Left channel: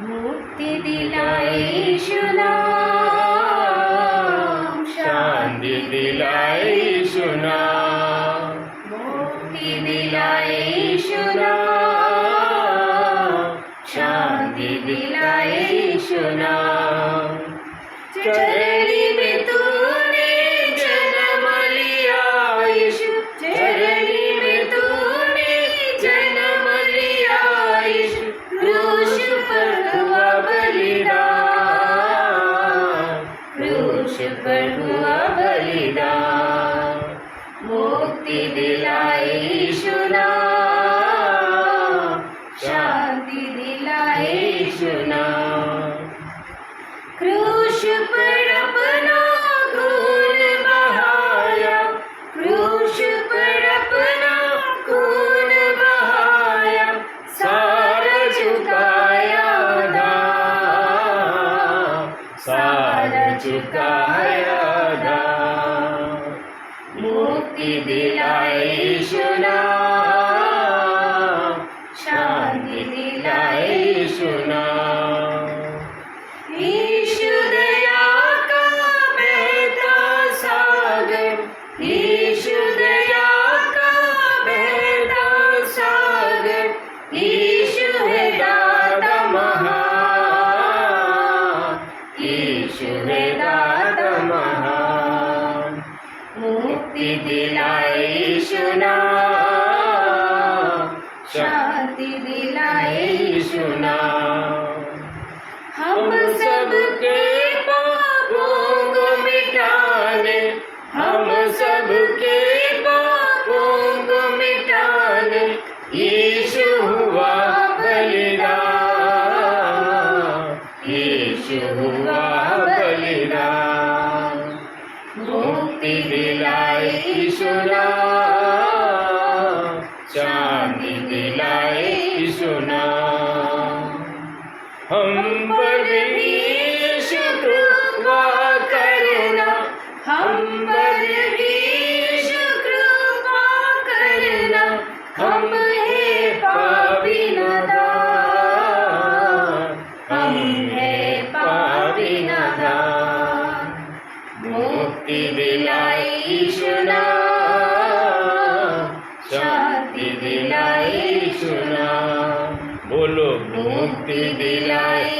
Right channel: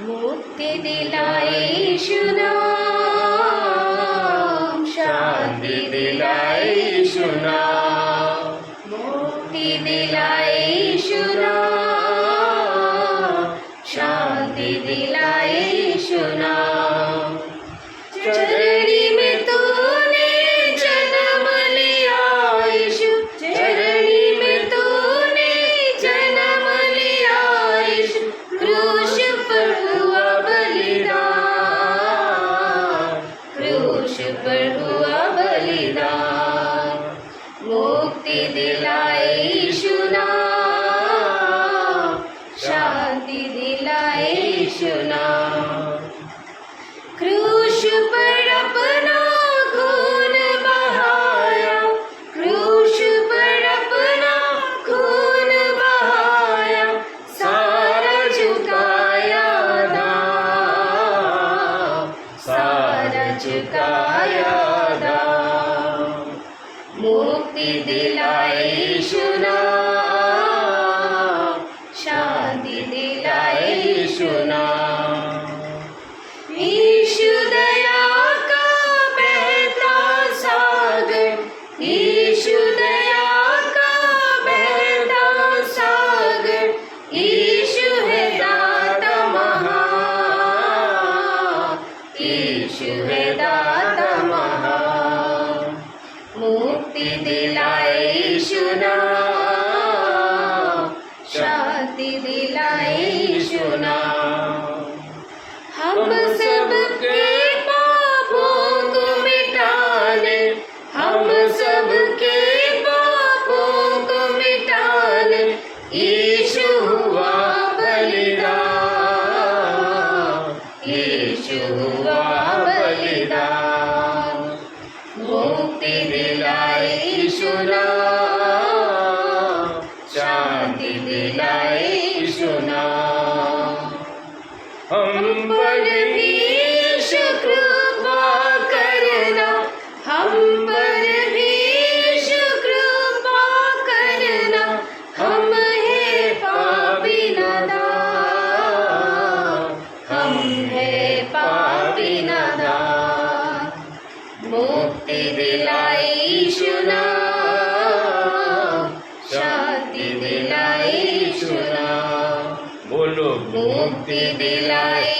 मुक्ति दिलाए यीशु नाम, शांति दिलाए यीशु नाम, मुक्ति दिलाए यीशु नाम, शांति दिलाए यीशु नाम। चरणी में तूने जन्म लिया यीशु, चरणी में तूने जन्म लिया यीशु, क्रूस पर हुआ बलिदान, क्रूस पर हुआ बलिदान। मुक्ति दिलाए यीशु नाम, शांति दिलाए यीशु नाम। क्रूस पर अपना खून बहाया, क्रूस पर अपना खून बहाया, सारा झुकाया दाम, सारा झुकाया दाम। मुक्ति दिलाए यीशु नाम, शांति दिलाए यीशु नाम। यीशु दया का बहता सागर, यीशु दया का बहता सागर, यीशु है दाता महान, यीशु है दाता महान। मुक्ति दिलाए यीशु नाम, शांति दिलाए यीशु नाम। हम सबके पापों को मिटाने, हम सबके पापों को मिटाने, यीशु हुआ बलिदान, यीशु हुआ बलिदान। मुक्ति दिलाए यीशु नाम, शांति दिलाए यीशु नाम। हम पर भी शुक्र करना, हम पर भी शुक्र करना, हम है पापी नादान, हम है पापी नादान। मुक्ति दिलाए यीशु नाम, शांति दिलाए यीशु नाम। बोलो मुक्ति दिलाए